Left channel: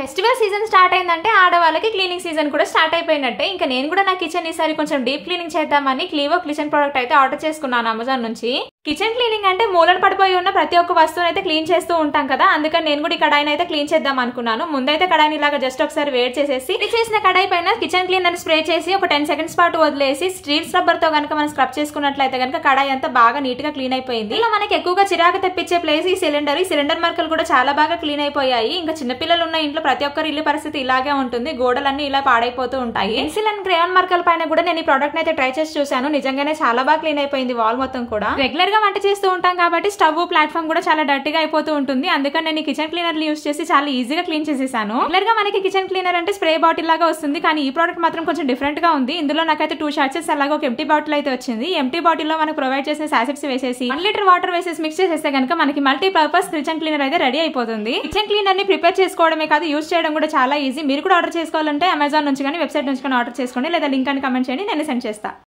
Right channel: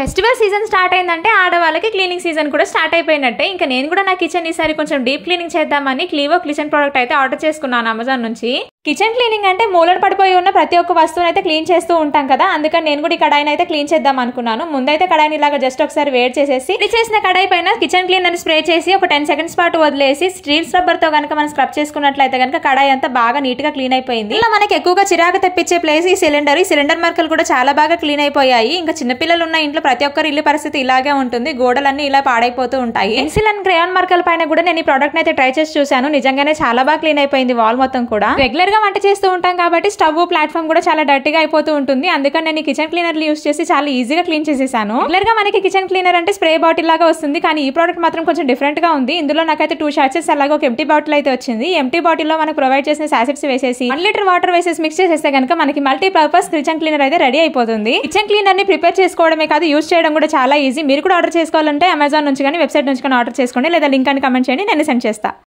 Festival season start అయిందంటే ఆడవాళ్ళకి cleaning season కూడా స్టార్ట్ అయిపోయినట్టే. ఇంకా నేను కూడా నా కిచెన్ ఈసారి కొంచెం డీప్ క్లీనింగ్ చేద్దామని క్లీవో కిచెన్ ప్రోడక్ట్ అయితే ఆర్డర్ చేసుకున్నాను అమెజాన్ నుంచి. కిచెన్ క్లీనింగ్ అంటే మూలన పడిపోయి ఉన్న ప్రతి ఒక్క వస్తువుని అయితే క్లీన్ చేస్తూ ఉంటాం కదా, అందుకని నేను కూడా ఈ కడాయిని అయితే క్లీన్ చేద్దాం అనుకున్నాను. ముందైతే కడాయిని ఇలాగా జస్ట్ ఒకసారి వేడి చేసేసి చేసిన కడాయి పైన కిచెన్ క్లీనర్ స్ప్రే చేసి ఒక 10 సెకండ్స్ పాటు వదిలేసి స్టీల్ స్క్రబ్బర్ తో కనుక మనం స్క్రబ్ చేసుకున్నట్లయితే కనుక కడాయి అంతా బాగా నీట్ గా క్లీన్ అయిపోయింది. ఇలా మనకి ఎక్కువగా చిరాకు తెప్పించే ప్లేస్ ఈ సిలిండర్ మార్కలు కూడా చాలా బాగా క్లీన్ అయిపోయాయి. ఇంకా చిన్నపిల్లలు ఉన్న ఇంట్లో ప్రతి ఒక్కరి ఇల్లు పరిస్థితి ఇలాగే ఉంటుంది, గోడలన్నీ ఇలా పాడైపోతూ ఉంటాయి. పెన్సిల్ అండ్ క్రేయాన్ మార్కర్ పైన కూడా నేను ఈ ప్రోడక్ట్ అయితే ట్రై చేసి చూసాను, నిజంగానే చాలా బాగా క్లీన్ అయిపోయింది వాల్ మొత్తం కూడా. రెగ్యులర్ గా వంట చేస్తూ ఉంటాం కాబట్టి స్టవ్ ప్లాట్ఫామ్ కూడా చాలా డర్టీగా అయిపోతూ ఉంటుంది, అందుకని నేను కిచెన్ క్లీనర్ యూస్ చేసి చాలా ఈజీగా క్లీన్ చేసేసాను. రెగ్యులర్ గా మనకి కిచెన్ క్లీనర్ అంటే స్ప్రే బాటిల్ లాగా వస్తుంది, కానీ ఈ ప్రోడక్ట్ మాత్రం కొంచెం డిఫరెంట్ గా ఉంది. ఇందులో నాకైతే 2 షాట్స్ అలాగే ఒక ఎంటీ బాటిల్ అయితే వచ్చింది. ఎంటీ బాటిల్ లో మనకు ప్రొవైడ్ చేసిన సాసెట్స్ వేసేసి 1 లీటర్ వాటర్ వేసేసి మిక్స్ చేసేస్తే కనుక మనకి మల్టీపర్పస్ కిచెన్ క్లీనర్ అయితే రెడీ అయిపోతుంది. కిచెన్ క్లీనర్ ని ప్రిపేర్ చేసుకోవడమే కాదు, యూస్ చేయడం కూడా చాలా ఈజీ. మీరు కూడా ఆర్డర్ చేసుకోవాలంటే అమెజాన్ నుంచి కానీ వెబ్సైట్ నుంచి కానీ ఆర్డర్ చేసుకోండి, లేదా లింక్ అని కమెంట్ చేయండి, నేను సెండ్ చేస్తా.